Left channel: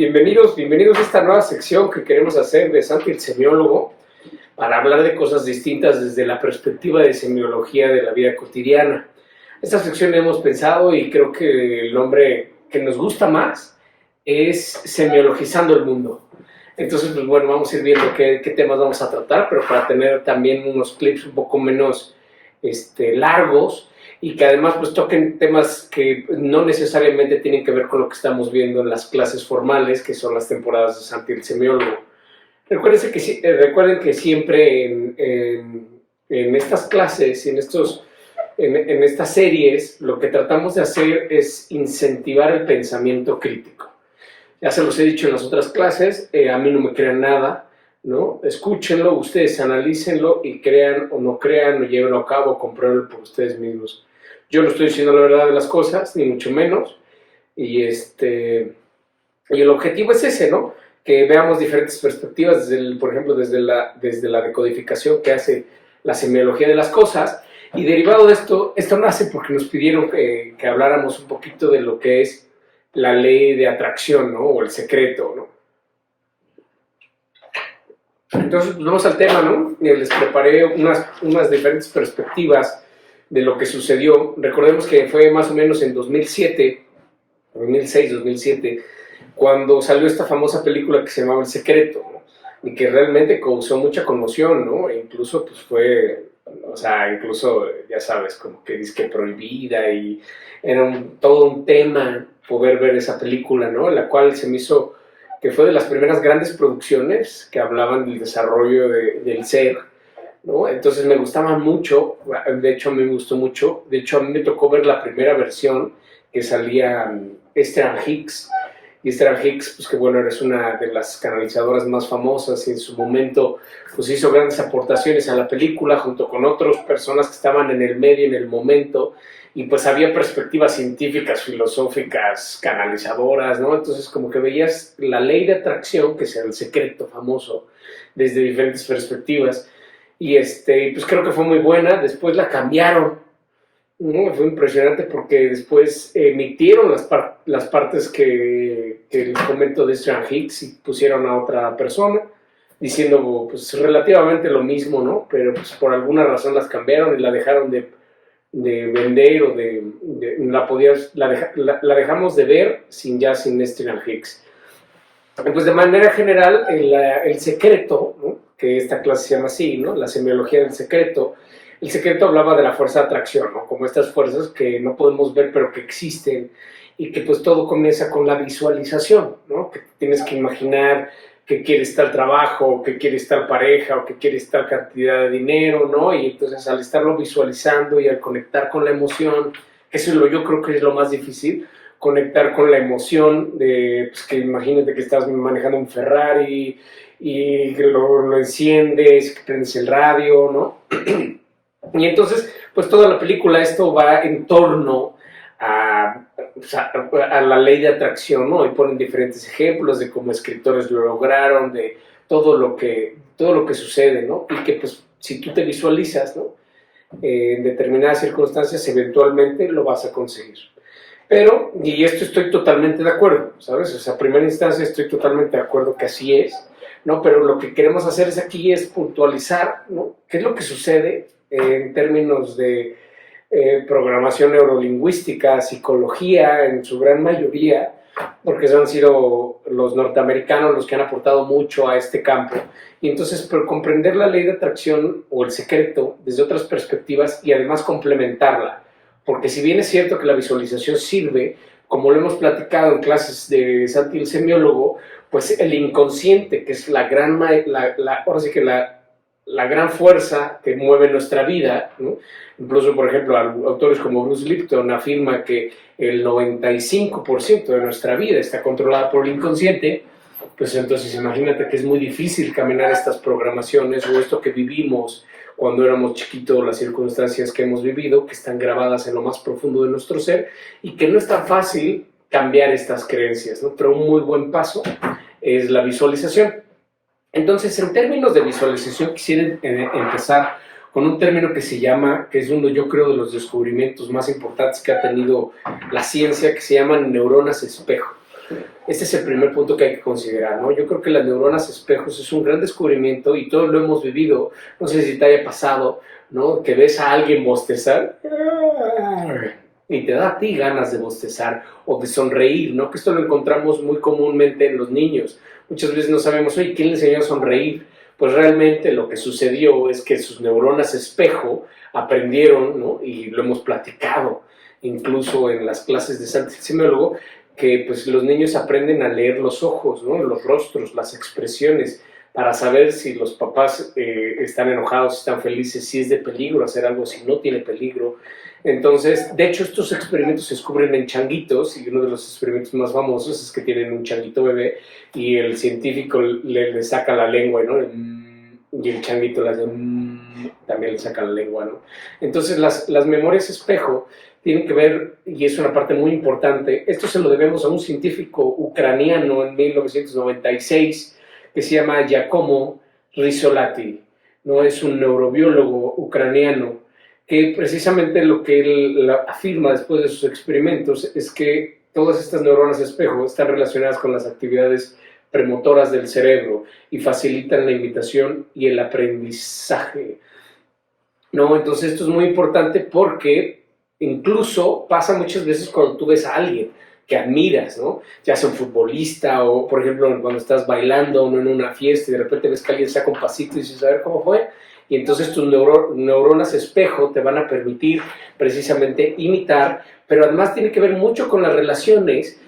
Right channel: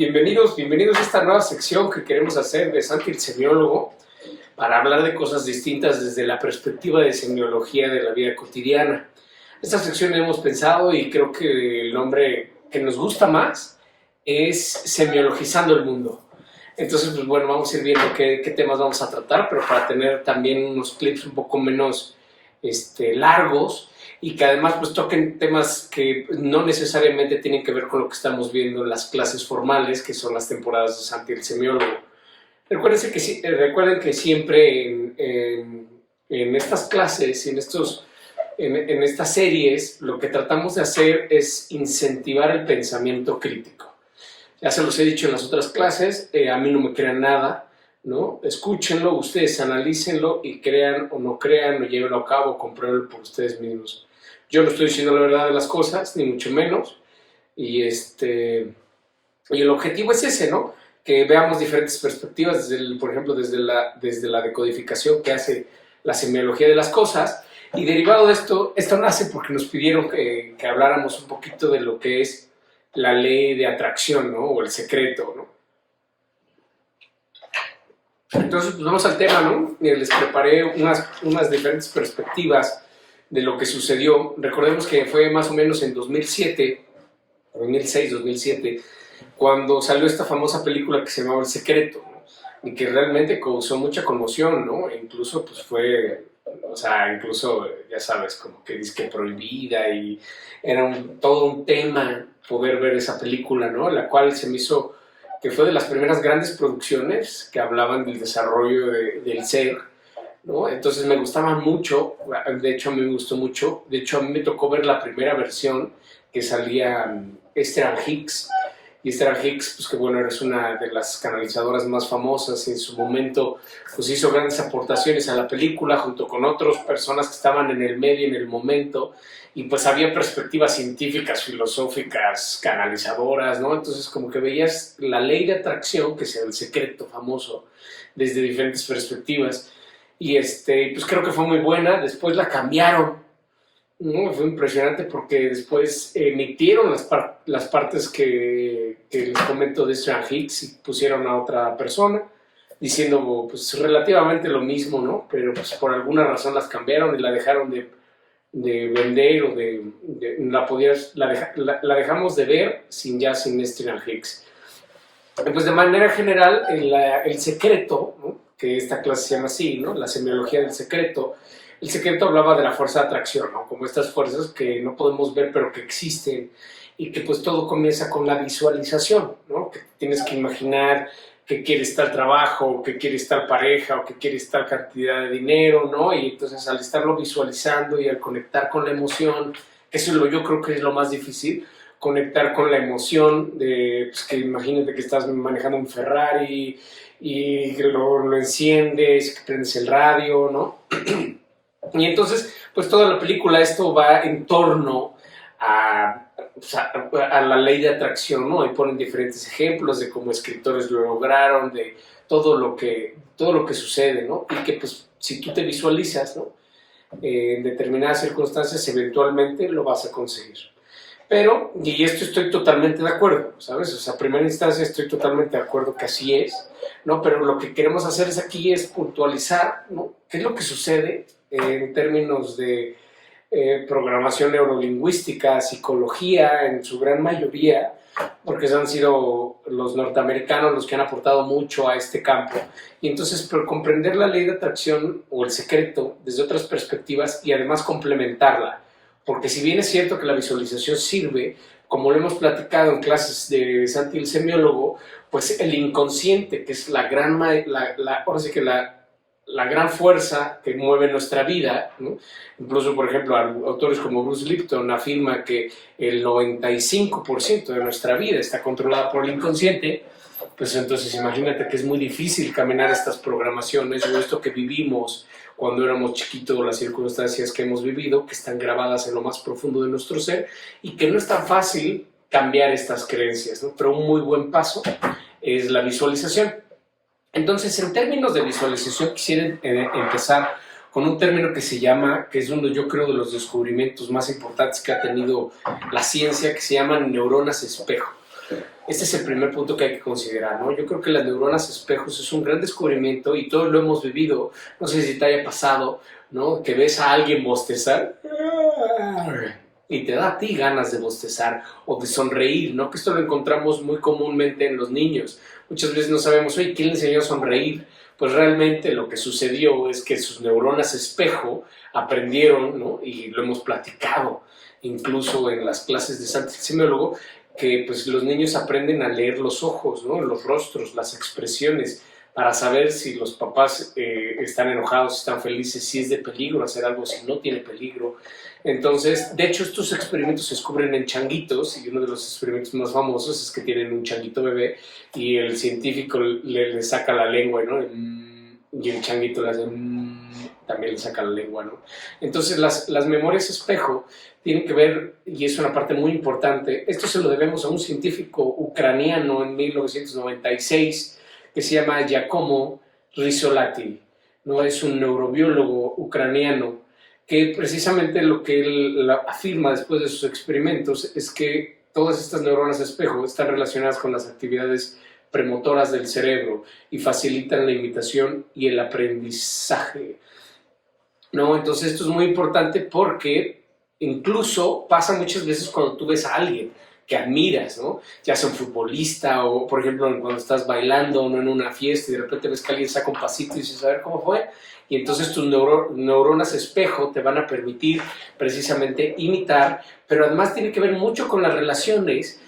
Bienvenidos a esta nueva sección que queremos hacer de Santi el semiólogo para hablar de cosas distintas desde la perspectiva de semiología de la vida cotidiana. Esta sección hemos pensado y creo que el nombre que nos gusta más es Semiologizando el Mundo. Entonces, pues bueno, vamos a ir viendo qué temas vamos a tratar, pero para tener también unos clips un poco menos largos y que además pues toquen temas que no necesariamente tienen que ver con lo que estamos viendo en las clases formales, que son las temporadas de Santi el semiólogo. Recuerden que siempre en estas clases, en estas series, lo que tratamos de hacer es incentivar el pensamiento crítico. Ya se los he dicho en las otras clases, a mí no me crean nada, ¿no? Escúchenlo, ustedes analícenlo y crean o no crean, o llévenlo a cabo, o compruébenlo por ustedes mismos. Yo no estoy diciendo la verdad de las cosas, ni mucho menos, y el objetivo es ese, ¿no? Que veamos diferentes perspectivas, por ejemplo, desde la decodificación que hace la semiología de las cosas, y derivado de esto nace porque nos pidieron que habláramos un poquito de lo que es la ley de atracción, ¿no? O el secreto, ¿no? Entonces, pues vamos al tema, ¿no? Les preparé unas diferentes perspectivas de lo que sucedió. Recordemos que fue más o menos en 2006, 2007, cuando salió esta famosa película que se llamaba El Secreto, ¿no? Y que realmente causó mucha conmoción, ¿no? E incluso, pues ya sabes, como que disque prohibida y era todo un tema poder ver esa película, ¿no? La cual se me hizo que fue de las primeras grandes producciones que hablaban del desarrollo del ser, ¿no? Entonces me gustaba mucho, de hecho a mí me gustó mucho, de hecho a mí me tocó ver la primera versión que salía Esther Hicks, y Esther Hicks, pues que bueno, es una de las canalizadoras más famosas y en su momento pues hizo grandes aportaciones a la película junto con otras personas que estaban en el medio en el momento, y pues había perspectivas científicas, filosóficas, canalizadoras, ¿no? Entonces como que veías la ley de atracción, que es el secreto famoso, desde diferentes perspectivas, y pues creo que fue muy buena. Después la cambiaron, ¿no? Fue impresionante porque después emitieron las partes que les comento de Esther Hicks y pusieron a otra persona, diciendo pues relativamente lo mismo, ¿no? Pero pues por alguna razón las cambiaron y la dejaron de vender o la dejamos de ver sin Esther Hicks. Pues de manera general, el secreto, ¿no? Que esta clase se llama así, ¿no? La semiología del secreto. El secreto hablaba de la fuerza de atracción, ¿no? Como estas fuerzas que no podemos ver pero que existen, y que pues todo comienza con la visualización, ¿no? Que tienes que imaginar que quieres tal trabajo, que quieres tal pareja, o que quieres tal cantidad de dinero, ¿no? Y entonces al estarlo visualizando y al conectar con la emoción, que eso yo creo que es lo más difícil, conectar con la emoción de, pues que imagínate que estás manejando un Ferrari y lo enciendes, que prendes el radio, ¿no? Y entonces, pues toda la película esto va en torno a la ley de atracción, ¿no? Y ponen diferentes ejemplos de cómo escritores lo lograron, de todo lo que sucede, ¿no? Y que pues si tú te visualizas, ¿no? En determinadas circunstancias eventualmente lo vas a conseguir. Pero, y esto estoy totalmente de acuerdo, ¿sabes? O sea, a primera instancia estoy totalmente de acuerdo que así es, ¿no? Pero lo que queremos hacer aquí es puntualizar, ¿no? ¿Qué es lo que sucede en términos de programación neurolingüística, psicología, en su gran mayoría, porque han sido los norteamericanos los que han aportado mucho a este campo? Y entonces, por comprender la ley de atracción o el secreto desde otras perspectivas y además complementarla, porque si bien es cierto que la visualización sirve, como lo hemos platicado en clases de Santi el semiólogo, pues el inconsciente, que es la gran fuerza que mueve nuestra vida, ¿no? Incluso, por ejemplo, autores como Bruce Lipton afirma que el 95% de nuestra vida está controlada por el inconsciente. Pues entonces imagínate que es muy difícil caminar estas programaciones o esto que vivimos cuando éramos chiquitos, las circunstancias que hemos vivido, que están grabadas en lo más profundo de nuestro ser y que no es tan fácil cambiar estas creencias, ¿no? Pero un muy buen paso es la visualización. Entonces, en términos de visualización, quisiera empezar con un término que es uno, yo creo, de los descubrimientos más importantes que ha tenido la ciencia, que se llaman neuronas espejo. Este es el primer punto que hay que considerar, ¿no? Yo creo que las neuronas espejos es un gran descubrimiento y todos lo hemos vivido. No sé si te haya pasado, ¿no? Que ves a alguien bostezar y te da a ti ganas de bostezar o de sonreír, ¿no? Que esto lo encontramos muy comúnmente en los niños. Muchas veces no sabemos, oye, ¿quién le enseñó a sonreír? Pues realmente lo que sucedió es que sus neuronas espejo aprendieron, ¿no? Y lo hemos platicado incluso en las clases de Santi Semiólogo, que pues los niños aprenden a leer los ojos, ¿no? Los rostros, las expresiones, para saber si los papás están enojados, están felices, si es de peligro hacer algo, si no tiene peligro. Entonces, de hecho, estos experimentos se descubren en changuitos, y uno de los experimentos más famosos es que tienen un changuito bebé y el científico le saca la lengua, ¿no? Y el changuito también le saca la lengua, ¿no? Entonces, las memorias espejo tienen que ver, y es una parte muy importante, esto se lo debemos a un científico ucraniano en 1996 que se llama Giacomo Rizzolatti, ¿no? Es un neurobiólogo ucraniano que precisamente lo que él afirma después de sus experimentos es que todas estas neuronas espejo están relacionadas con las actividades premotoras del cerebro y facilitan la imitación y el aprendizaje, ¿no? Entonces esto es muy importante porque incluso pasa muchas veces cuando tú ves a alguien que admiras, ¿no? Ya sea un futbolista o, por ejemplo, cuando estás bailando o en una fiesta y de repente ves que alguien saca un pasito y dices, a ver cómo fue. Y entonces tus neuronas espejo te van a permitir precisamente imitar, pero además tiene que ver mucho con las relaciones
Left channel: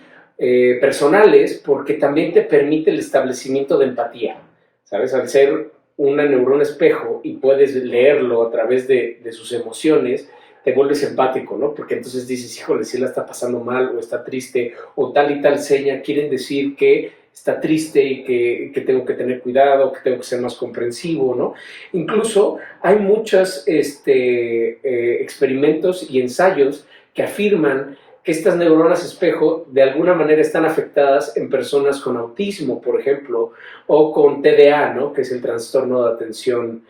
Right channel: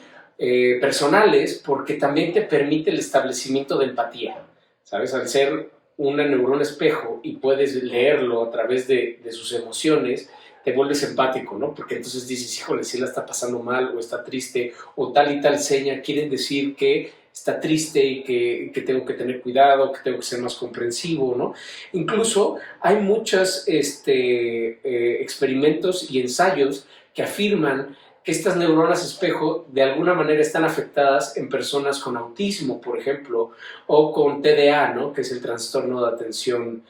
personales, porque también te permite el establecimiento de empatía, ¿sabes? Al ser una neurona espejo y puedes leerlo a través de sus emociones, te vuelves empático, ¿no? Porque entonces dices, híjole, si la está pasando mal o está triste o tal y tal seña quieren decir que está triste y que tengo que tener cuidado, que tengo que ser más comprensivo, ¿no? Incluso hay muchos experimentos y ensayos que afirman que estas neuronas espejo de alguna manera están afectadas en personas con autismo, por ejemplo, o con TDA, ¿no? Que es el trastorno de atención,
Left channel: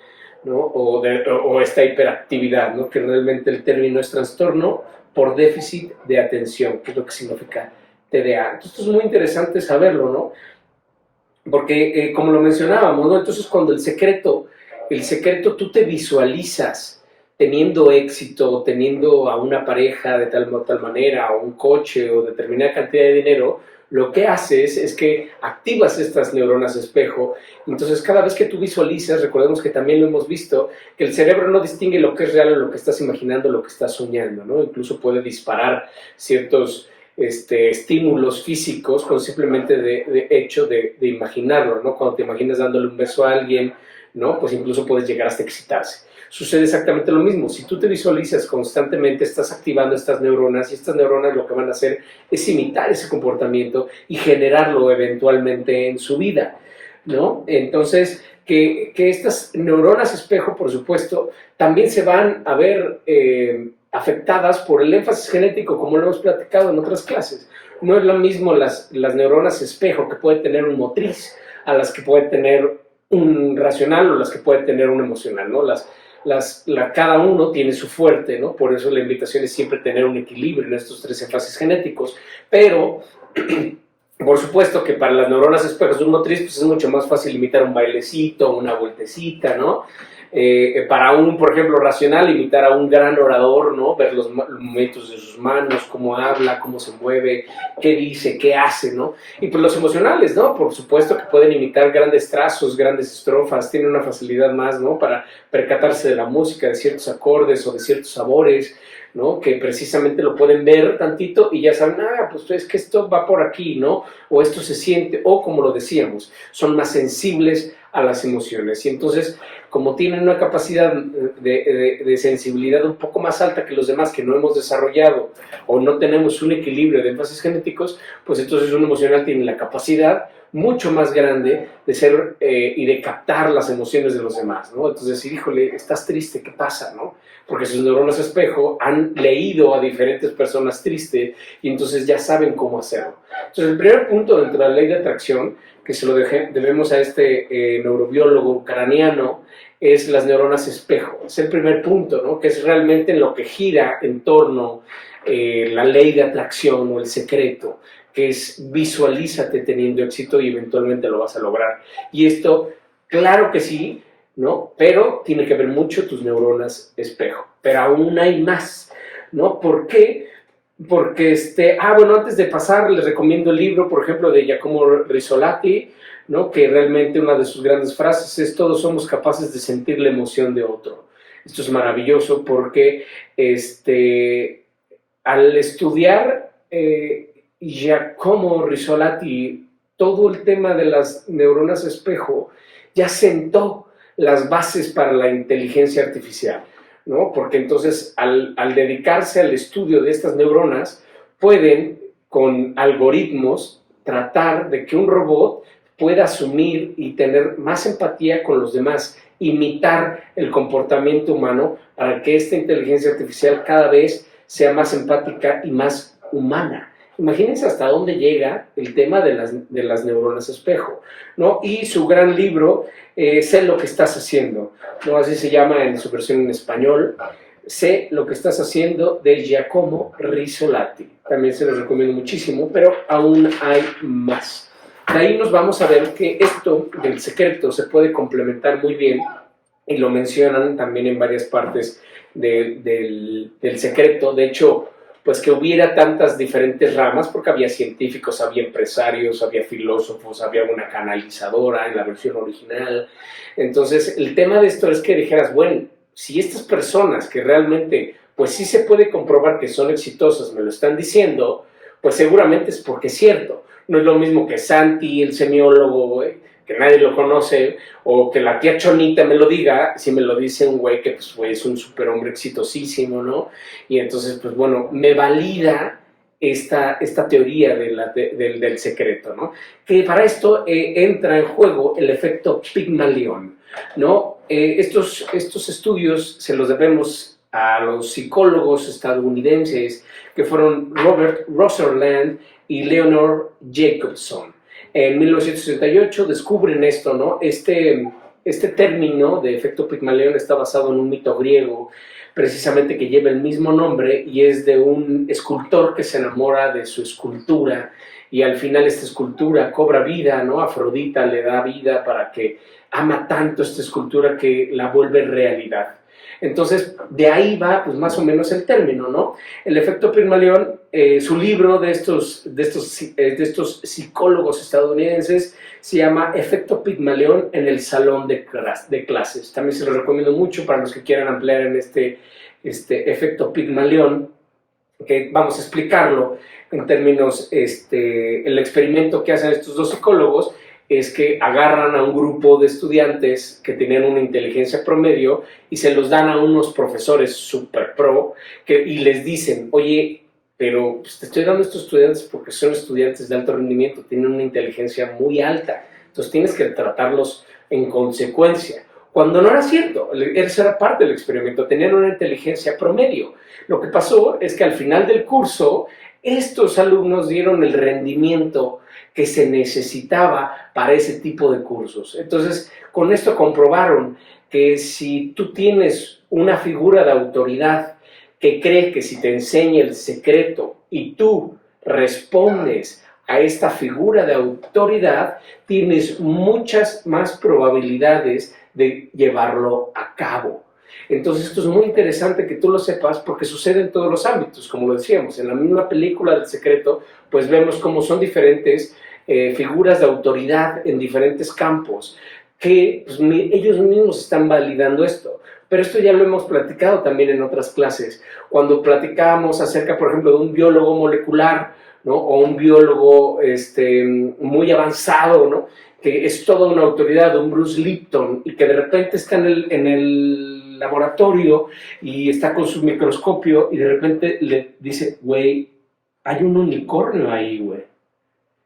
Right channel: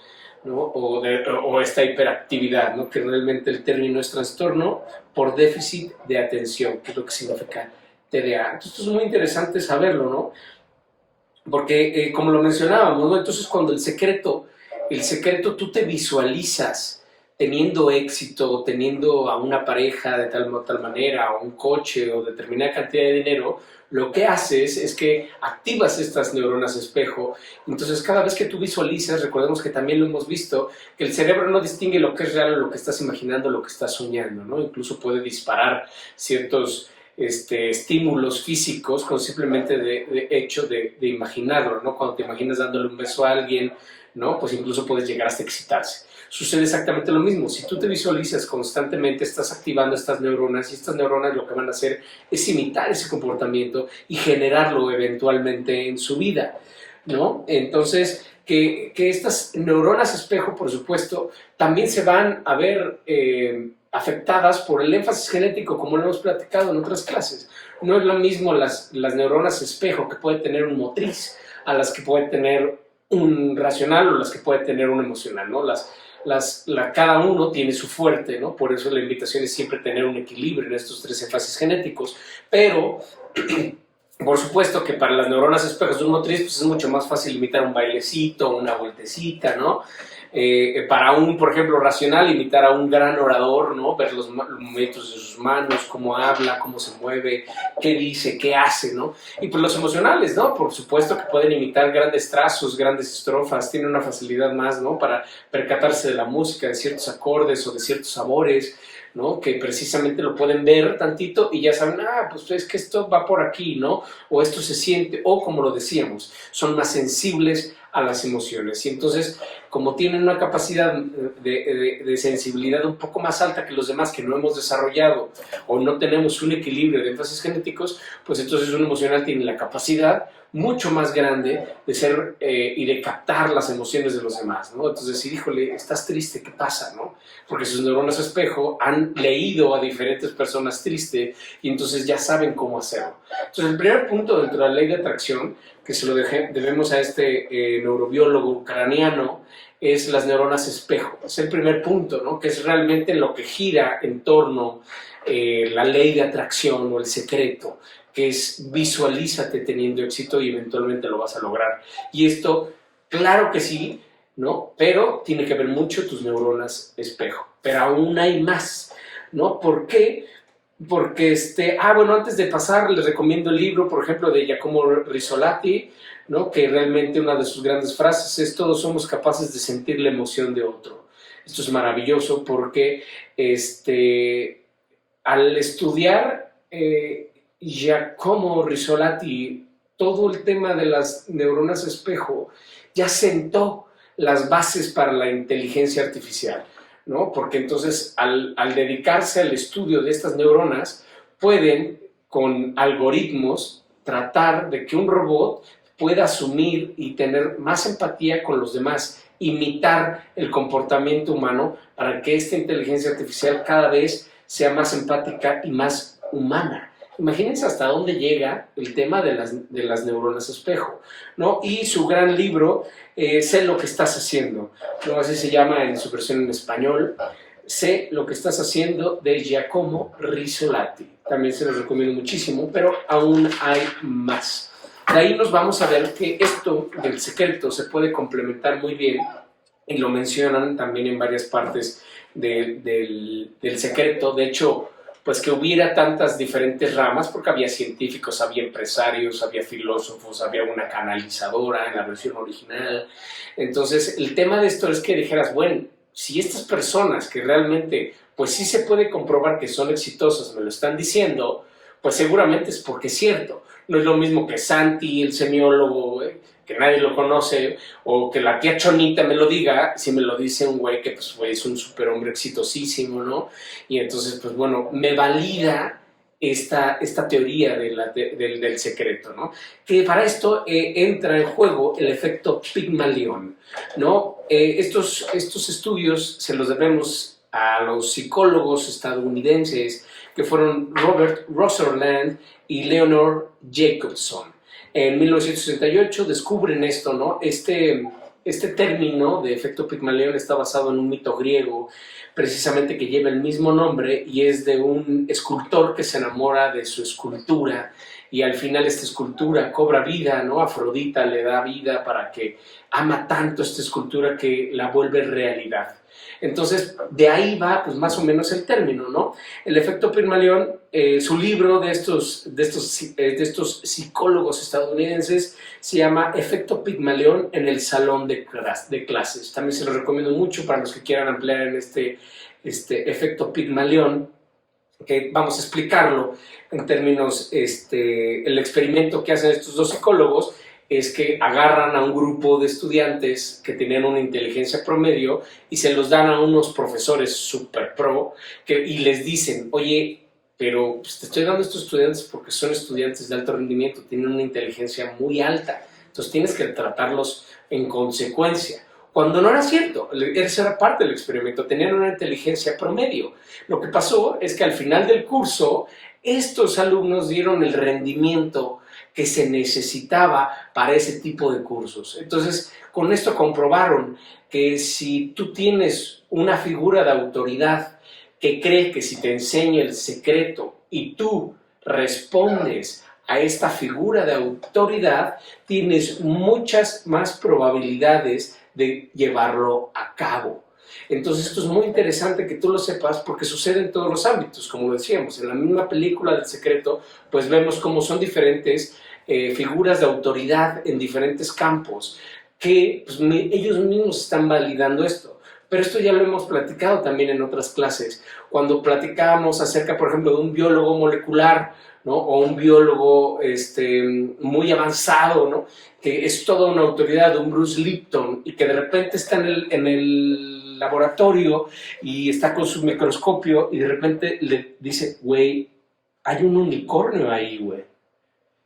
¿no? O esta hiperactividad, ¿no? Que realmente el término es trastorno por déficit de atención, que es lo que significa TDA. Entonces, esto es muy interesante saberlo, ¿no? Porque, como lo mencionábamos, ¿no? Entonces, cuando el secreto tú te visualizas teniendo éxito, teniendo a una pareja de tal manera, o un coche, o determinada cantidad de dinero, lo que haces es que activas estas neuronas espejo. Entonces, cada vez que tú visualizas, recordemos que también lo hemos visto, que el cerebro no distingue lo que es real o lo que estás imaginando, lo que estás soñando, ¿no? Incluso puede disparar ciertos estímulos físicos con simplemente de hecho de imaginarlo, ¿no? Cuando te imaginas dándole un beso a alguien, ¿no? Pues incluso puedes llegar hasta excitarse. Sucede exactamente lo mismo. Si tú te visualizas constantemente, estás activando estas neuronas y estas neuronas lo que van a hacer es imitar ese comportamiento y generarlo eventualmente en su vida, ¿no? Entonces, que estas neuronas espejo, por supuesto, también se van a ver afectadas por el énfasis genético, como lo hemos platicado en otras clases. No es lo mismo las neuronas espejo que puede tener un motriz a las que puede tener un racional o las que puede tener un emocional, ¿no? Cada uno tiene su fuerte, ¿no? Por eso la invitación es siempre tener un equilibrio en estos tres énfasis genéticos, pero por supuesto que para las neuronas espejos de un motriz pues es mucho más fácil imitar un bailecito, una vueltecita, ¿no? Para un, por ejemplo, racional, imitar a un gran orador, ¿no? Ver los movimientos de sus manos, cómo habla, cómo se mueve, qué dice, qué hace, ¿no? Y pues los emocionales, ¿no? Por supuesto que pueden imitar grandes trazos, grandes estrofas, tienen una facilidad más, ¿no? Para percatarse de la música, de ciertos acordes o de ciertos sabores, ¿no? Que precisamente lo pueden ver tantito y ya saben, pues es que esto va por aquí, ¿no? O esto se siente, o como lo decíamos, son más sensibles a las emociones. Y entonces, como tienen una capacidad de sensibilidad un poco más alta que los demás que no hemos desarrollado o no tenemos un equilibrio de énfasis genéticos, pues entonces un emocional tiene la capacidad mucho más grande de ser y de captar las emociones de los demás, ¿no? Entonces decir, híjole, estás triste, ¿qué pasa, no? Porque sus neuronas espejo han leído a diferentes personas tristes y entonces ya saben cómo hacerlo. Entonces el primer punto dentro de la ley de atracción, que se lo debemos a este neurobiólogo ucraniano, es las neuronas espejo. Es el primer punto, ¿no? Que es realmente en lo que gira en torno la ley de atracción o el secreto, que es visualízate teniendo éxito y eventualmente lo vas a lograr. Y esto, claro que sí, ¿no? Pero tiene que ver mucho tus neuronas espejo. Pero aún hay más, ¿no? ¿Por qué? Porque, bueno, antes de pasar, les recomiendo el libro, por ejemplo, de Giacomo Rizzolatti, ¿no? Que realmente una de sus grandes frases es: todos somos capaces de sentir la emoción de otro. Esto es maravilloso porque al estudiar Giacomo Rizzolatti todo el tema de las neuronas espejo, ya sentó las bases para la inteligencia artificial, ¿no? Porque entonces al dedicarse al estudio de estas neuronas, pueden con algoritmos tratar de que un robot pueda asumir y tener más empatía con los demás, imitar el comportamiento humano para que esta inteligencia artificial cada vez sea más empática y más humana. Imagínense hasta dónde llega el tema de las neuronas espejo, ¿no? Y su gran libro, Sé lo que estás haciendo, ¿no? Así se llama en su versión en español, Sé lo que estás haciendo, de Giacomo Rizzolatti. También se los recomiendo muchísimo, pero aún hay más. De ahí nos vamos a ver que esto del secreto se puede complementar muy bien, y lo mencionan también en varias partes del secreto. De hecho, pues que hubiera tantas diferentes ramas, porque había científicos, había empresarios, había filósofos, había una canalizadora en la versión original. Entonces, el tema de esto es que dijeras, bueno, si estas personas que realmente, pues sí se puede comprobar que son exitosas, me lo están diciendo, pues seguramente es porque es cierto. No es lo mismo que Santi, el semiólogo, que nadie lo conoce, o que la tía Chonita me lo diga, si me lo dice un güey que pues, es un superhombre exitosísimo, ¿no? Y entonces, pues bueno, me valida esta teoría del secreto, ¿no? Que para esto entra en juego el efecto Pigmalión, ¿no? Estos estudios se los debemos a los psicólogos estadounidenses que fueron Robert Rosserland y Leonard Jacobson. En 1968 descubren esto, ¿no? Este término de efecto Pigmalión está basado en un mito griego, precisamente que lleva el mismo nombre, y es de un escultor que se enamora de su escultura, y al final esta escultura cobra vida, ¿no? Afrodita le da vida para que ama tanto esta escultura que la vuelve realidad. Entonces, de ahí va, pues, más o menos el término, ¿no? El efecto Pigmalión, su libro de estos psicólogos estadounidenses se llama Efecto Pigmalión en el salón de clases. También se lo recomiendo mucho para los que quieran ampliar en este efecto Pigmalión, que vamos a explicarlo en términos, el experimento que hacen estos dos psicólogos es que agarran a un grupo de estudiantes que tenían una inteligencia promedio y se los dan a unos profesores super pro y les dicen, oye, pero pues, te estoy dando a estos estudiantes porque son estudiantes de alto rendimiento, tienen una inteligencia muy alta, entonces tienes que tratarlos en consecuencia. Cuando no era cierto, esa era parte del experimento, tenían una inteligencia promedio. Lo que pasó es que al final del curso, estos alumnos dieron el rendimiento que se necesitaba para ese tipo de cursos. Entonces, con esto comprobaron que si tú tienes una figura de autoridad que cree que si te enseña el secreto y tú respondes a esta figura de autoridad, tienes muchas más probabilidades de llevarlo a cabo. Entonces esto es muy interesante que tú lo sepas porque sucede en todos los ámbitos, como lo decíamos, en la misma película del secreto, pues vemos cómo son diferentes figuras de autoridad en diferentes campos, que pues, ellos mismos están validando esto. Pero esto ya lo hemos platicado también en otras clases, cuando platicábamos acerca, por ejemplo, de un biólogo molecular, ¿no? O un biólogo muy avanzado, ¿no? Que es toda una autoridad, un Bruce Lipton, y que de repente está en el laboratorio y está con su microscopio y de repente le dice, güey, hay un unicornio ahí, güey.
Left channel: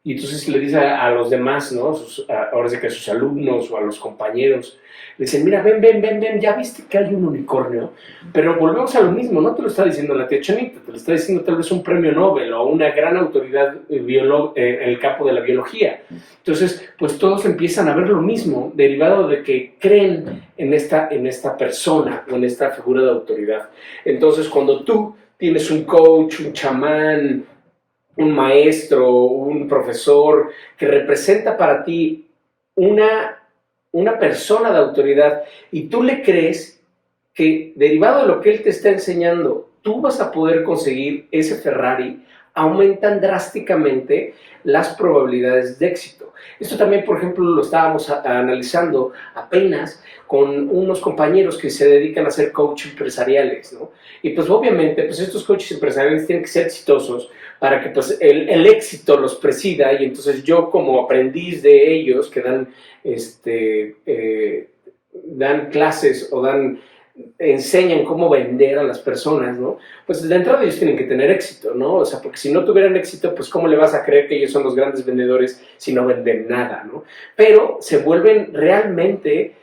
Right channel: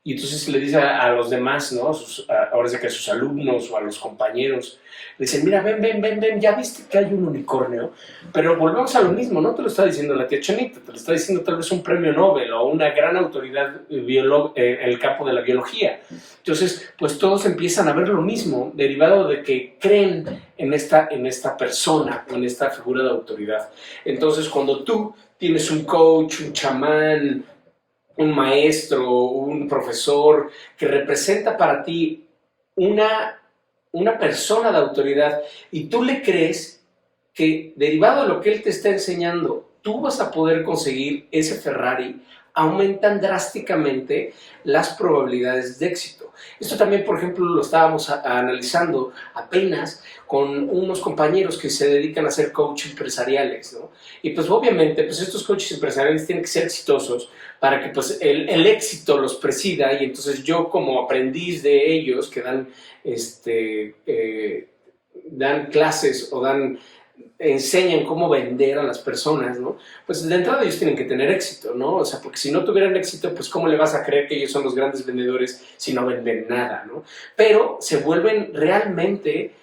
Y entonces le dice a los demás, ¿no? Ahora sí que a sus alumnos o a los compañeros, le dicen, mira, ven, ya viste que hay un unicornio. Pero volvemos a lo mismo, no te lo está diciendo la tía Chonita, te lo está diciendo tal vez un premio Nobel o una gran autoridad en el campo de la biología. Entonces, pues todos empiezan a ver lo mismo, derivado de que creen en esta persona o en esta figura de autoridad. Entonces, cuando tú tienes un coach, un chamán, un maestro, un profesor que representa para ti una persona de autoridad y tú le crees que derivado de lo que él te está enseñando, tú vas a poder conseguir ese Ferrari, aumentan drásticamente las probabilidades de éxito. Esto también, por ejemplo, lo estábamos analizando apenas con unos compañeros que se dedican a ser coach empresariales, ¿no? Y pues obviamente, pues estos coaches empresariales tienen que ser exitosos para que pues el éxito los presida y entonces yo como aprendiz de ellos que dan clases o enseñan cómo vender a las personas, ¿no? Pues de entrada ellos tienen que tener éxito, ¿no? O sea, porque si no tuvieran éxito, pues ¿cómo le vas a creer que ellos son los grandes vendedores si no venden nada, ¿no? Pero se vuelven realmente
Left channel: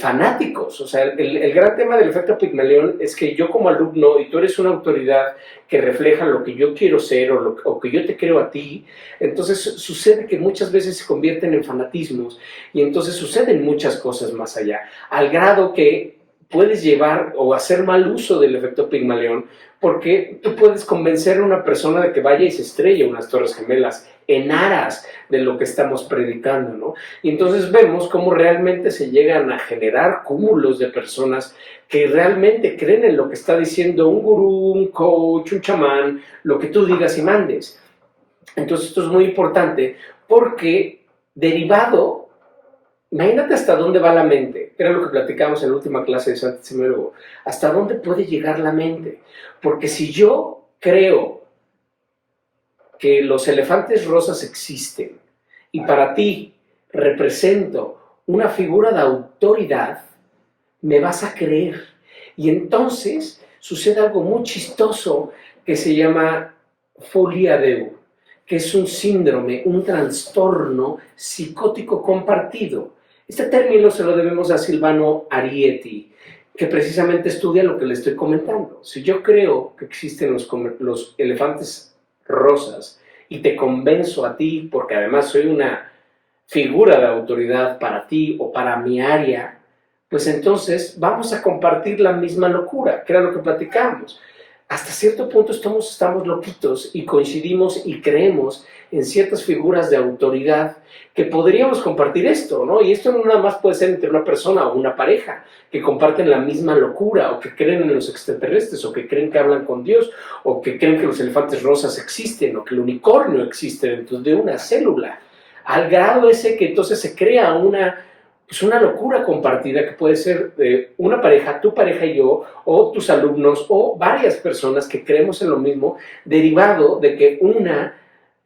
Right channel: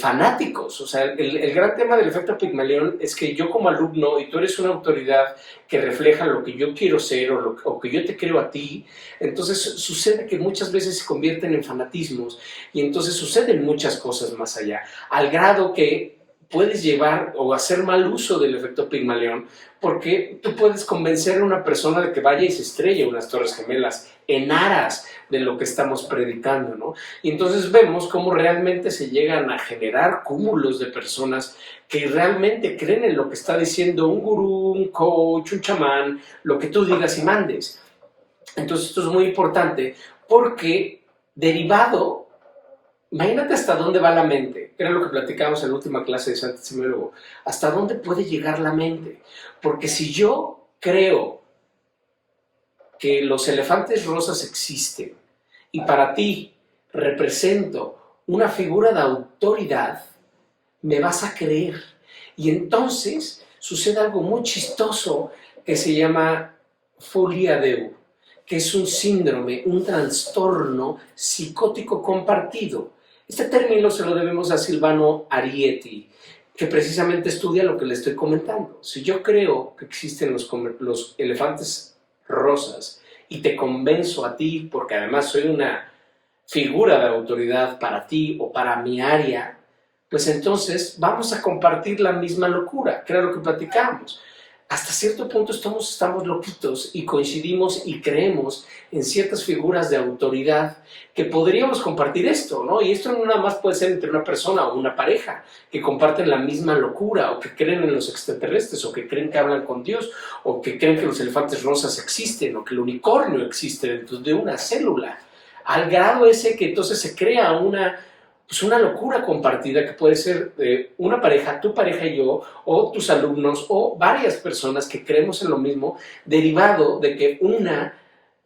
fanáticos. O sea, el gran tema del efecto Pigmalión es que yo como alumno, y tú eres una autoridad que refleja lo que yo quiero ser o que yo te creo a ti, entonces sucede que muchas veces se convierten en fanatismos y entonces suceden muchas cosas más allá, al grado que puedes llevar o hacer mal uso del efecto Pigmalión porque tú puedes convencer a una persona de que vaya y se estrelle unas Torres Gemelas en aras de lo que estamos predicando, ¿no? Y entonces vemos cómo realmente se llegan a generar cúmulos de personas que realmente creen en lo que está diciendo un gurú, un coach, un chamán, lo que tú digas y mandes. Entonces esto es muy importante porque derivado, imagínate hasta dónde va la mente, era lo que platicamos en la última clase de Santo Semiólogo, hasta dónde puede llegar la mente, porque si yo creo que los elefantes rosas existen y para ti represento una figura de autoridad, me vas a creer. Y entonces sucede algo muy chistoso que se llama folia deu, que es un síndrome, un trastorno psicótico compartido. Este término se lo debemos a Silvano Arietti, que precisamente estudia lo que le estoy comentando. Si yo creo que existen los elefantes rosas y te convenzo a ti, porque además soy una figura de autoridad para ti o para mi área, pues entonces vamos a compartir la misma locura, que era lo que platicábamos. Hasta cierto punto estamos loquitos y coincidimos y creemos en ciertas figuras de autoridad que podríamos compartir esto, ¿no? Y esto no nada más puede ser entre una persona o una pareja que comparten la misma locura o que creen en los extraterrestres o que creen que hablan con Dios o que creen que los elefantes rosas existen o que el unicornio existe dentro de una célula. Al grado ese que entonces se crea una locura compartida que puede ser una pareja, tu pareja y yo, o tus alumnos, o varias personas que creemos en lo mismo, derivado de que una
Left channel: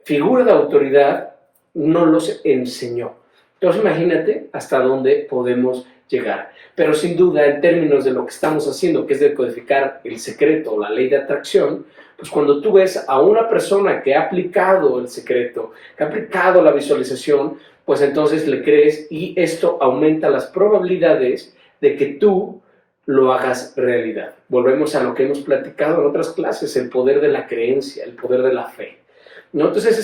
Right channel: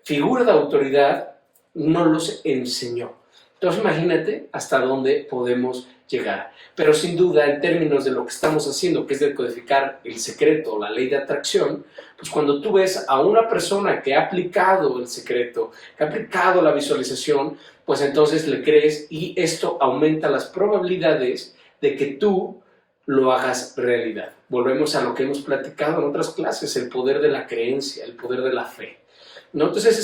figura de autoridad no los enseñó. Entonces imagínate hasta dónde podemos llegar. Pero sin duda, en términos de lo que estamos haciendo, que es decodificar el secreto, la ley de atracción, pues cuando tú ves a una persona que ha aplicado el secreto, que ha aplicado la visualización, pues entonces le crees y esto aumenta las probabilidades de que tú lo hagas realidad. Volvemos a lo que hemos platicado en otras clases, el poder de la creencia, el poder de la fe, ¿no? Entonces ese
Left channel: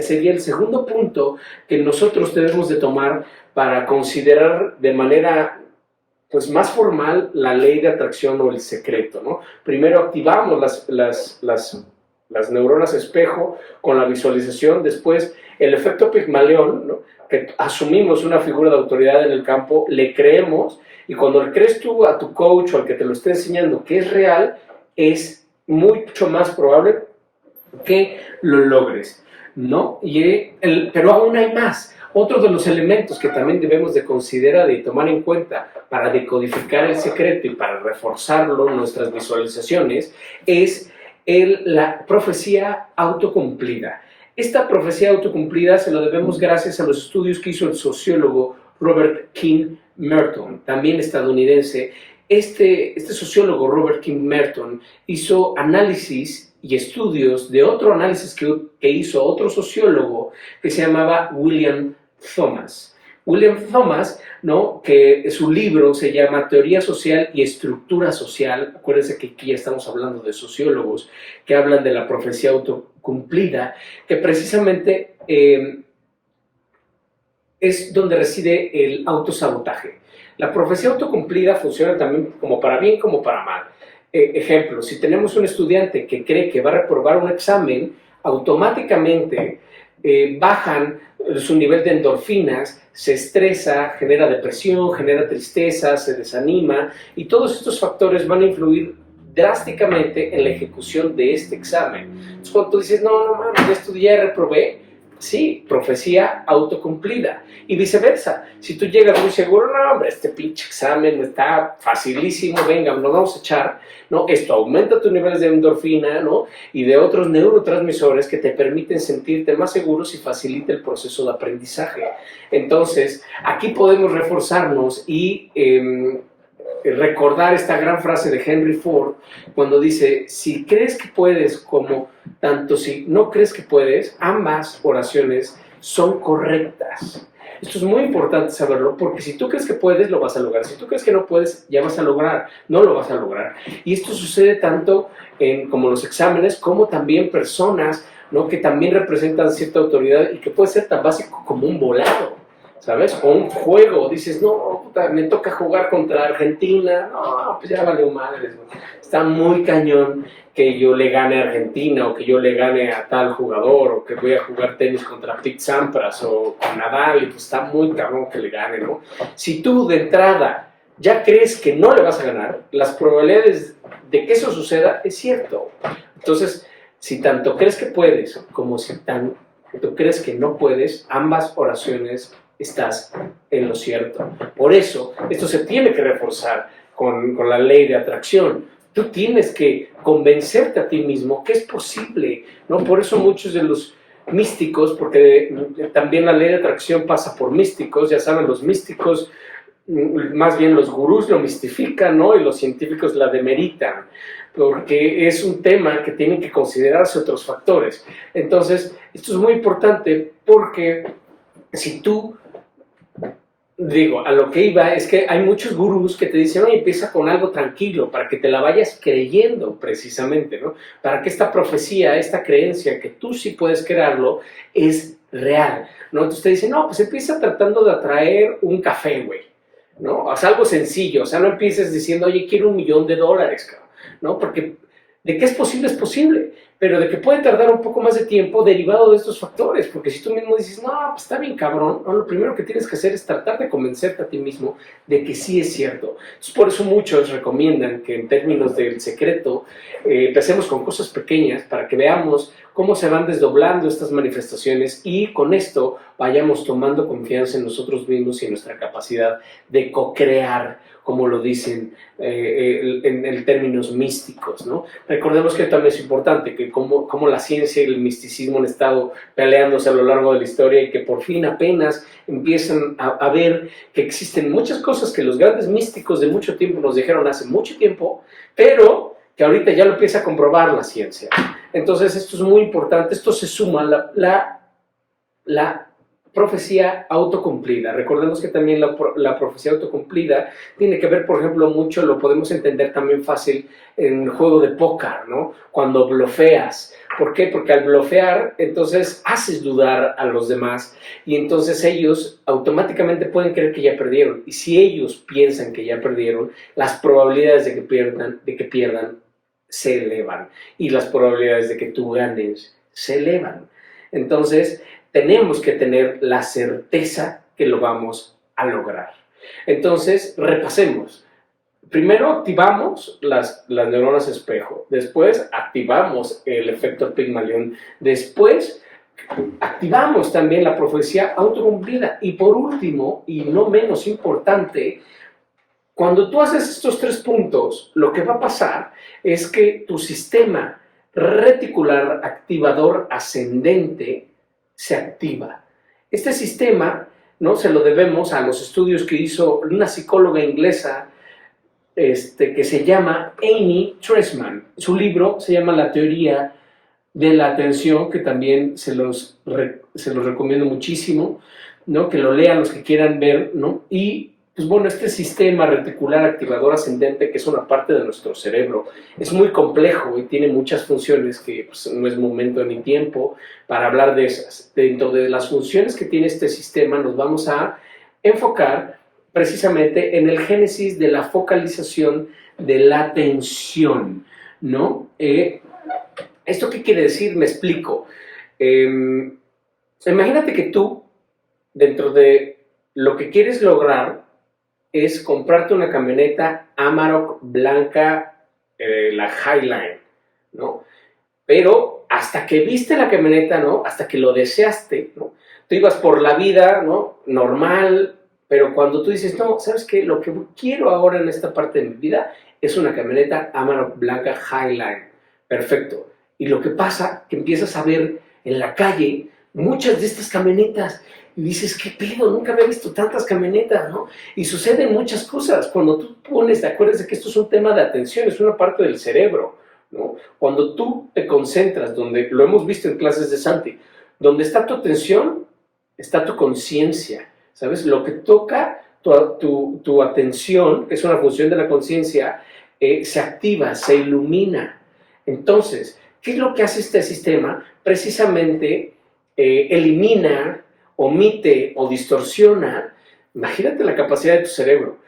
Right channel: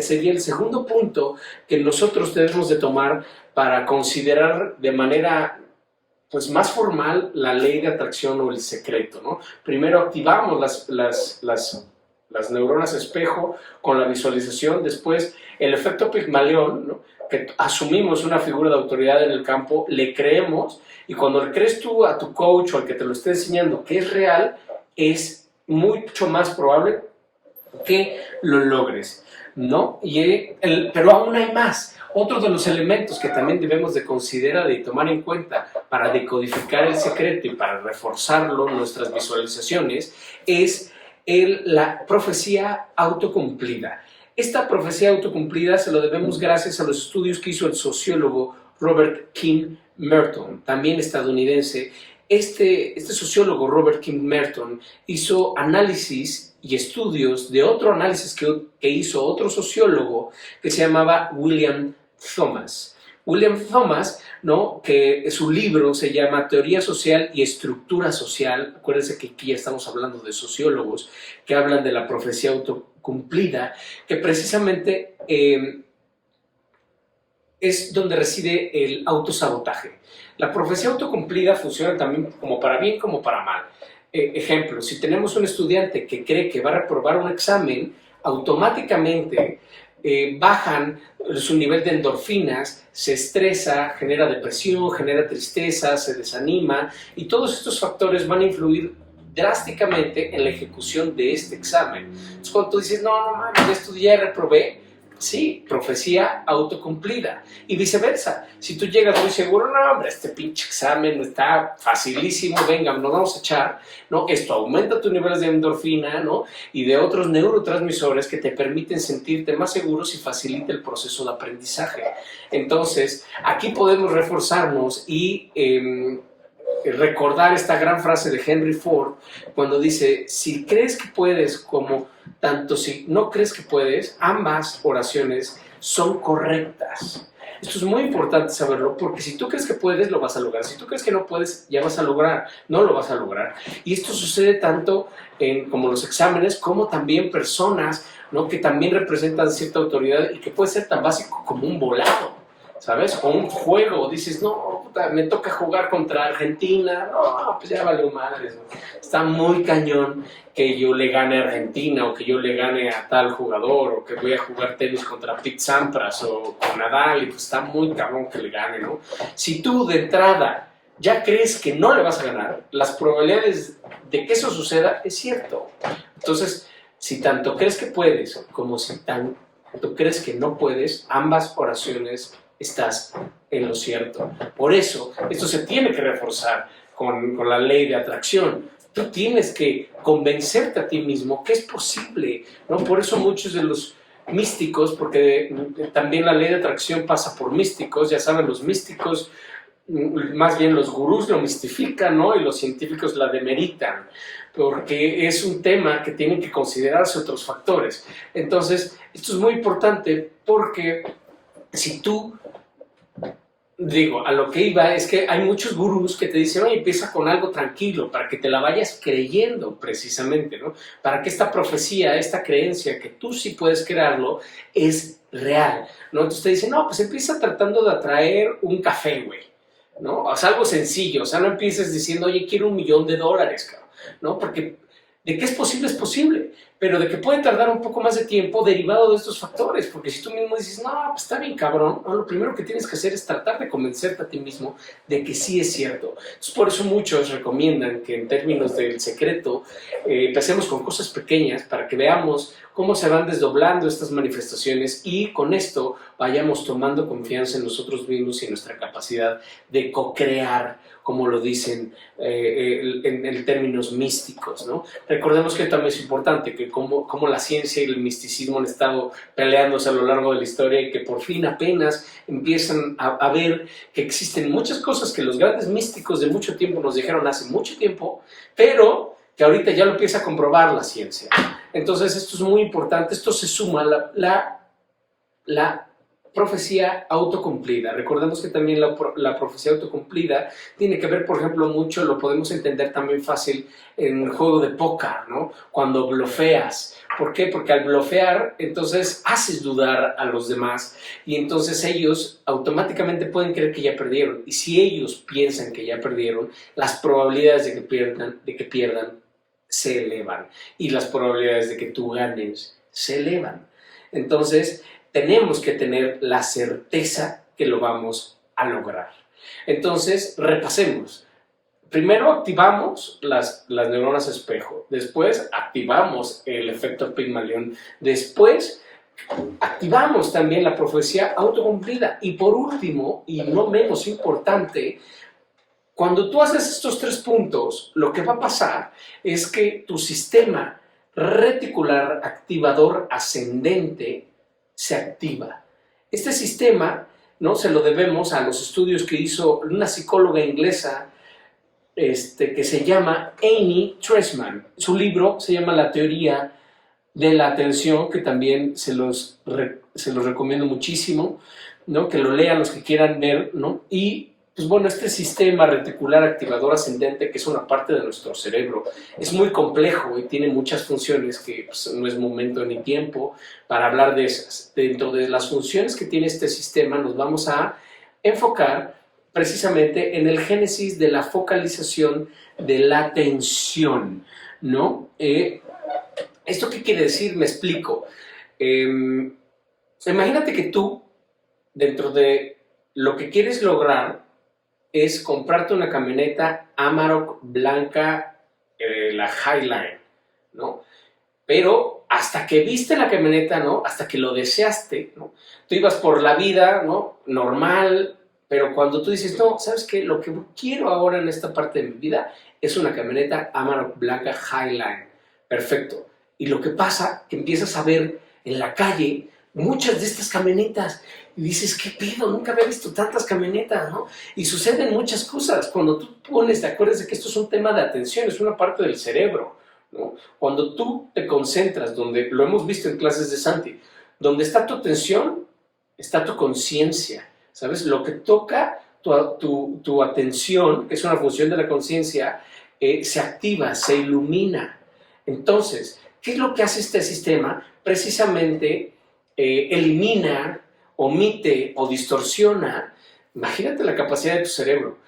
sería el segundo punto que nosotros debemos de tomar para considerar de manera pues más formal la ley de atracción o el secreto, ¿no? Primero activamos las neuronas espejo con la visualización, después el efecto Pigmalión, ¿no? Que asumimos una figura de autoridad en el campo, le creemos y cuando le crees tú a tu coach o al que te lo esté enseñando que es real, es mucho más probable que lo logres, ¿no? Pero aún hay más. Otro de los elementos que también debemos de considerar y tomar en cuenta para decodificar el secreto y para reforzarlo en nuestras visualizaciones es la profecía autocumplida. Esta profecía autocumplida se lo debemos gracias a los estudios que hizo el sociólogo Robert King Merton, también estadounidense. Este sociólogo Robert King Merton hizo análisis y estudios de otro análisis que hizo otro sociólogo que se llamaba William Thomas. William Thomas, ¿no? Que su libro se llama Teoría Social y Estructura Social. Acuérdense que aquí ya estamos hablando de sociólogos que hablan de la profecía autocumplida, que precisamente es donde reside el autosabotaje. La profecía autocumplida funciona también como para bien como para mal. Ejemplo, si tenemos un estudiante que cree que va a reprobar un examen, automáticamente bajan su nivel de endorfinas, se estresa, genera depresión, genera tristeza, se desanima, y todos estos factores van a influir drásticamente en la ejecución de este examen. Entonces, cuando tú dices, no mames, ya estudié, reprobé, sí, profecía autocumplida. Y viceversa, si tú llegas muy seguro, no, hombre, este pinche examen está facilísimo, venga, nos vamos a echar, ¿no? Esto aumenta tus niveles de endorfina, ¿no? Y de otros neurotransmisores que te permiten sentirte más seguros y facilita el proceso de aprendizaje. Entonces, aquí podemos reforzarnos y recordar esta gran frase de Henry Ford cuando dice, si crees que puedes como tanto si no crees que puedes, ambas oraciones son correctas. Esto es muy importante saberlo, porque si tú crees que puedes, lo vas a lograr. Si tú crees que no puedes, ya vas a lograr, no lo vas a lograr. Y esto sucede tanto en como los exámenes, como también personas, ¿no?, que también representan cierta autoridad y que puede ser tan básico como un volado, ¿sabes? O un juego, dices, no, puta, me toca jugar contra Argentina, no, pues ya valió madres, ¿no? Está muy cañón que yo le gane a Argentina, o que yo le gane a tal jugador, o que voy a jugar tenis contra Pete Sampras, o con Nadal, y pues está muy cabrón que le gane, ¿no? Si tú de entrada ya crees que no le vas a ganar, las probabilidades de que eso suceda es cierto. Entonces, si tanto crees que puedes, como si tanto crees que no puedes, ambas oraciones estás en lo cierto. Por eso, esto se tiene que reforzar con la ley de atracción. Tú tienes que convencerte a ti mismo que es posible, ¿no? Por eso muchos de los místicos, porque también la ley de atracción pasa por místicos, ya saben, los místicos, más bien los gurús lo mistifican, ¿no? Y los científicos la demeritan, porque es un tema que tienen que considerarse otros factores. Entonces, esto es muy importante porque si tú, digo, a lo que iba es que hay muchos gurús que te dicen, oye, empieza con algo tranquilo, para que te la vayas creyendo precisamente, ¿no? Para que esta profecía, esta creencia que tú sí puedes crearlo, es real, ¿no? Entonces te dicen, no, pues empieza tratando de atraer un café, güey, ¿no? O sea, algo sencillo, o sea, no empieces diciendo, oye, quiero $1,000,000, cabrón, ¿no? Porque de que es posible, pero de que puede tardar un poco más de tiempo derivado de estos factores, porque si tú mismo dices, no, pues está bien cabrón, no, lo primero que tienes que hacer es tratar de convencerte a ti mismo de que sí es cierto. Entonces, por eso muchos recomiendan que en términos del secreto empecemos con cosas pequeñas para que veamos cómo se van desdoblando estas manifestaciones y con esto vayamos tomando confianza en nosotros mismos y en nuestra capacidad de co-crear, como lo dicen en términos místicos, ¿no? Recordemos que también es importante que como la ciencia y el misticismo han estado peleándose a lo largo de la historia y que por fin apenas empiezan a ver que existen muchas cosas que los grandes místicos de mucho tiempo nos dijeron hace mucho tiempo, pero que ahorita ya lo empieza a comprobar la ciencia. Entonces esto es muy importante, esto se suma a la profecía autocumplida. Recordemos que también la profecía autocumplida tiene que ver, por ejemplo, mucho, lo podemos entender también fácil en el juego de póker, ¿no? Cuando blofeas. ¿Por qué? Porque al blofear, entonces haces dudar a los demás y entonces ellos automáticamente pueden creer que ya perdieron. Y si ellos piensan que ya perdieron, las probabilidades de que pierdan se elevan y las probabilidades de que tú ganes se elevan. Entonces, tenemos que tener la certeza que lo vamos a lograr. Entonces, repasemos. Primero activamos las neuronas espejo, después activamos el efecto Pigmalión, después activamos también la profecía autocumplida y por último, y no menos importante, cuando tú haces estos 3 puntos, lo que va a pasar es que tu sistema reticular activador ascendente se activa. Este sistema, ¿no?, se lo debemos a los estudios que hizo una psicóloga inglesa que se llama Amy Tresman. Su libro se llama La teoría de la atención, que también se los recomiendo muchísimo, ¿no?, que lo lean los que quieran ver, ¿no? Y pues bueno, este sistema reticular activador ascendente, que es una parte de nuestro cerebro, es muy complejo y tiene muchas funciones que pues, no es momento ni tiempo para hablar de esas. Dentro de las funciones que tiene este sistema nos vamos a enfocar precisamente en el génesis de la focalización de la atención, ¿no? ¿Esto qué quiere decir? Me explico. Imagínate que tú, dentro de lo que quieres lograr, es comprarte una camioneta Amarok blanca, la Highline, ¿no? Pero hasta que viste la camioneta, ¿no? Hasta que lo deseaste, ¿no? Tú ibas por la vida, ¿no? Normal, pero cuando tú dices, no, ¿sabes qué? Lo que quiero ahora en esta parte de mi vida es una camioneta Amarok blanca Highline. Perfecto. Y lo que pasa, que empiezas a ver en la calle muchas de estas camionetas y dices, ¿qué pedo? Nunca había visto tantas camionetas, ¿no? Y suceden muchas cosas. Cuando tú pones, te acuerdas de que esto es un tema de atención, es una parte del cerebro, ¿no? Cuando tú te concentras, donde lo hemos visto en clases de Santi, donde está tu atención, está tu conciencia, ¿sabes? Lo que toca tu atención, que es una función de la conciencia, se activa, se ilumina. Entonces, ¿qué es lo que hace este sistema? Precisamente elimina, omite o distorsiona, imagínate la capacidad de tu cerebro,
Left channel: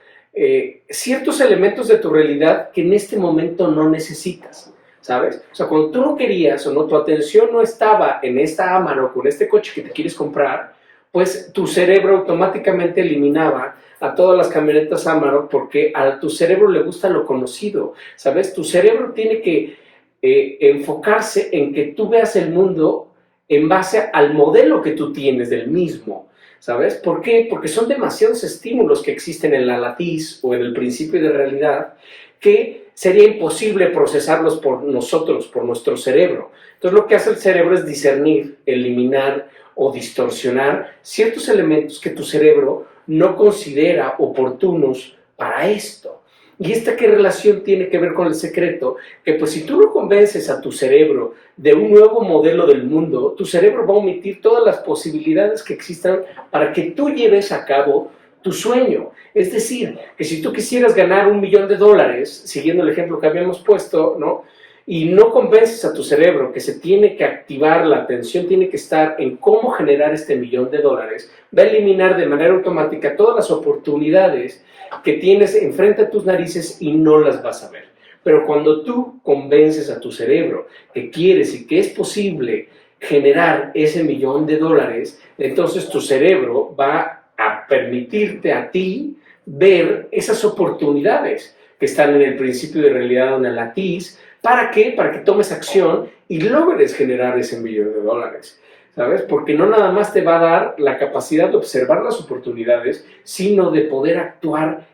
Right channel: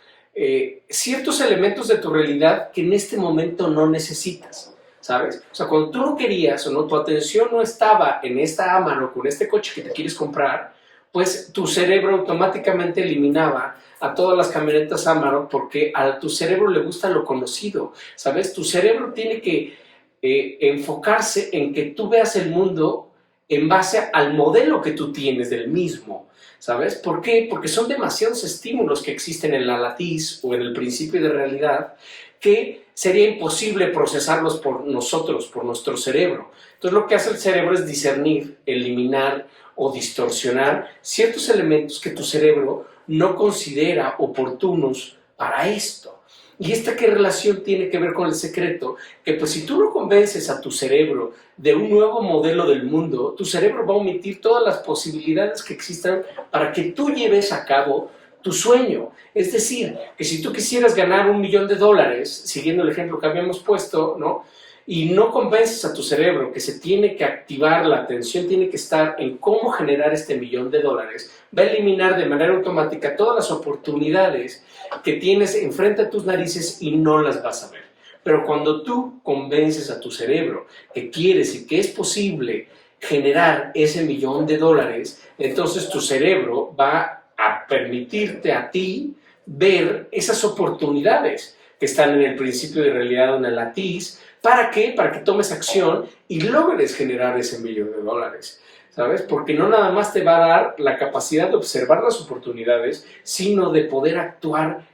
ciertos elementos de tu realidad que en este momento no necesitas, ¿sabes? O sea, cuando tú no querías o no, tu atención no estaba en esta Amarok, con este coche que te quieres comprar, pues tu cerebro automáticamente eliminaba a todas las camionetas Amarok porque a tu cerebro le gusta lo conocido, ¿sabes? Tu cerebro tiene que enfocarse en que tú veas el mundo en base al modelo que tú tienes del mismo, ¿sabes? ¿Por qué? Porque son demasiados estímulos que existen en la latiz o en el principio de realidad que sería imposible procesarlos por nosotros, por nuestro cerebro. Entonces lo que hace el cerebro es discernir, eliminar o distorsionar ciertos elementos que tu cerebro no considera oportunos para esto. ¿Y esta qué relación tiene que ver con el secreto? Que pues si tú no convences a tu cerebro de un nuevo modelo del mundo, tu cerebro va a omitir todas las posibilidades que existan para que tú lleves a cabo tu sueño. Es decir, que si tú quisieras ganar $1,000,000, siguiendo el ejemplo que habíamos puesto, ¿no? Y no convences a tu cerebro que se tiene que activar, la atención tiene que estar en cómo generar este $1,000,000, va a eliminar de manera automática todas las oportunidades que tienes enfrente a tus narices y no las vas a ver. Pero cuando tú convences a tu cerebro que quieres y que es posible generar ese $1,000,000, entonces tu cerebro va a permitirte a ti ver esas oportunidades que están en el principio de realidad o en el latiz. ¿Para qué? Para que tomes acción y logres generar ese $1,000,000, ¿sabes? Porque no nada más te va a dar la capacidad de observar las oportunidades, sino de poder actuar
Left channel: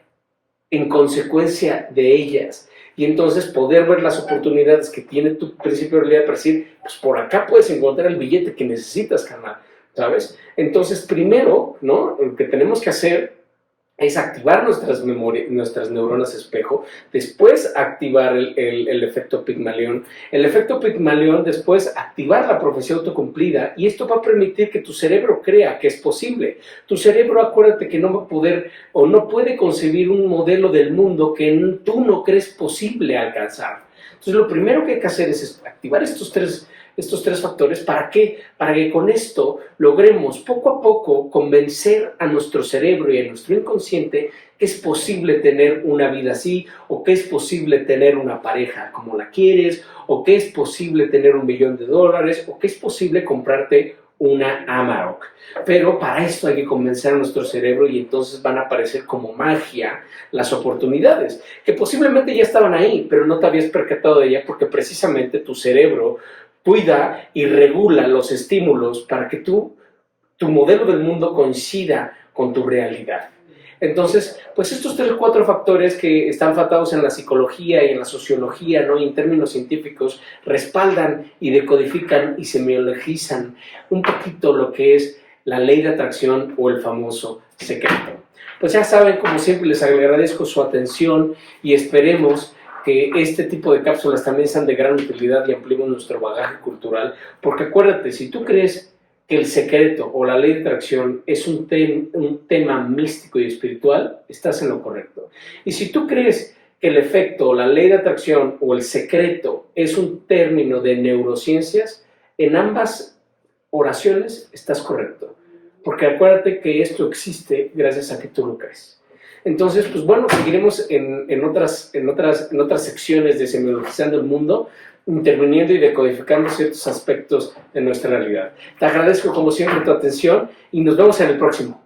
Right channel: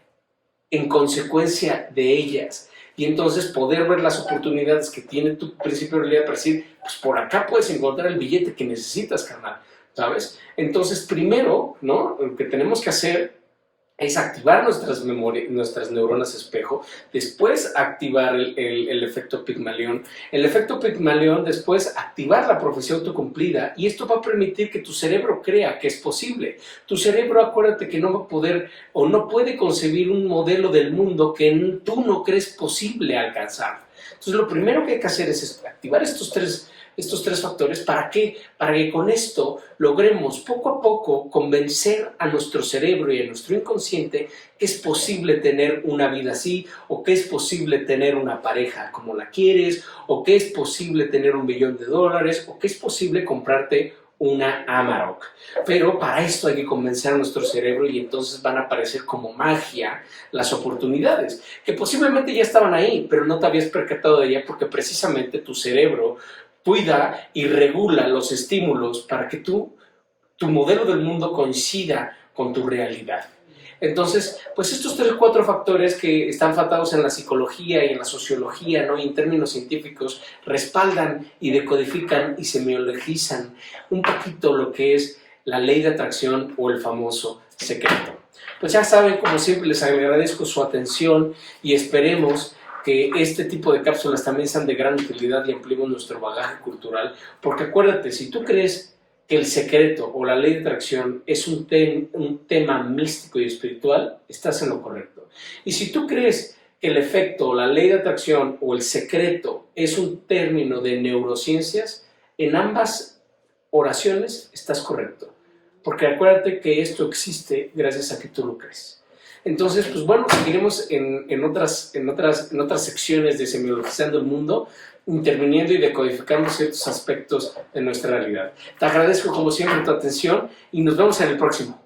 en consecuencia de ellas. Y entonces poder ver las oportunidades que tiene tu principio de realidad para decir, pues por acá puedes encontrar el billete que necesitas, carnal, ¿sabes? Entonces, primero, ¿no? Lo que tenemos que hacer es activar nuestras neuronas espejo, después activar el efecto Pigmalión. El efecto Pigmalión después activar la profecía autocumplida y esto va a permitir que tu cerebro crea que es posible. Tu cerebro, acuérdate que no va a poder o no puede concebir un modelo del mundo que tú no crees posible alcanzar. Entonces lo primero que hay que hacer es activar estos tres factores. ¿Para qué? Para que con esto logremos poco a poco convencer a nuestro cerebro y a nuestro inconsciente que es posible tener una vida así, o que es posible tener una pareja como la quieres, o que es posible tener $1,000,000, o que es posible comprarte una Amarok. Pero para esto hay que convencer a nuestro cerebro y entonces van a aparecer como magia las oportunidades, que posiblemente ya estaban ahí, pero no te habías percatado de ella porque precisamente tu cerebro cuida y regula los estímulos para que tu modelo del mundo coincida con tu realidad. Entonces, pues estos 4 factores que están tratados en la psicología y en la sociología, ¿no? Y en términos científicos, respaldan y decodifican y semiologizan un poquito lo que es la ley de atracción o el famoso secreto. Pues ya saben, como siempre, les agradezco su atención y esperemos que este tipo de cápsulas también sean de gran utilidad y ampliemos nuestro bagaje cultural, porque acuérdate, si tú crees que el secreto o la ley de atracción es un tema místico y espiritual, estás en lo correcto. Y si tú crees que el efecto, la ley de atracción o el secreto es un término de neurociencias, en ambas oraciones estás correcto, porque acuérdate que esto existe gracias a que tú lo crees. Entonces, pues bueno, seguiremos en otras secciones de Semiologizando el Mundo, interviniendo y decodificando ciertos aspectos de nuestra realidad. Te agradezco como siempre tu atención y nos vemos en el próximo.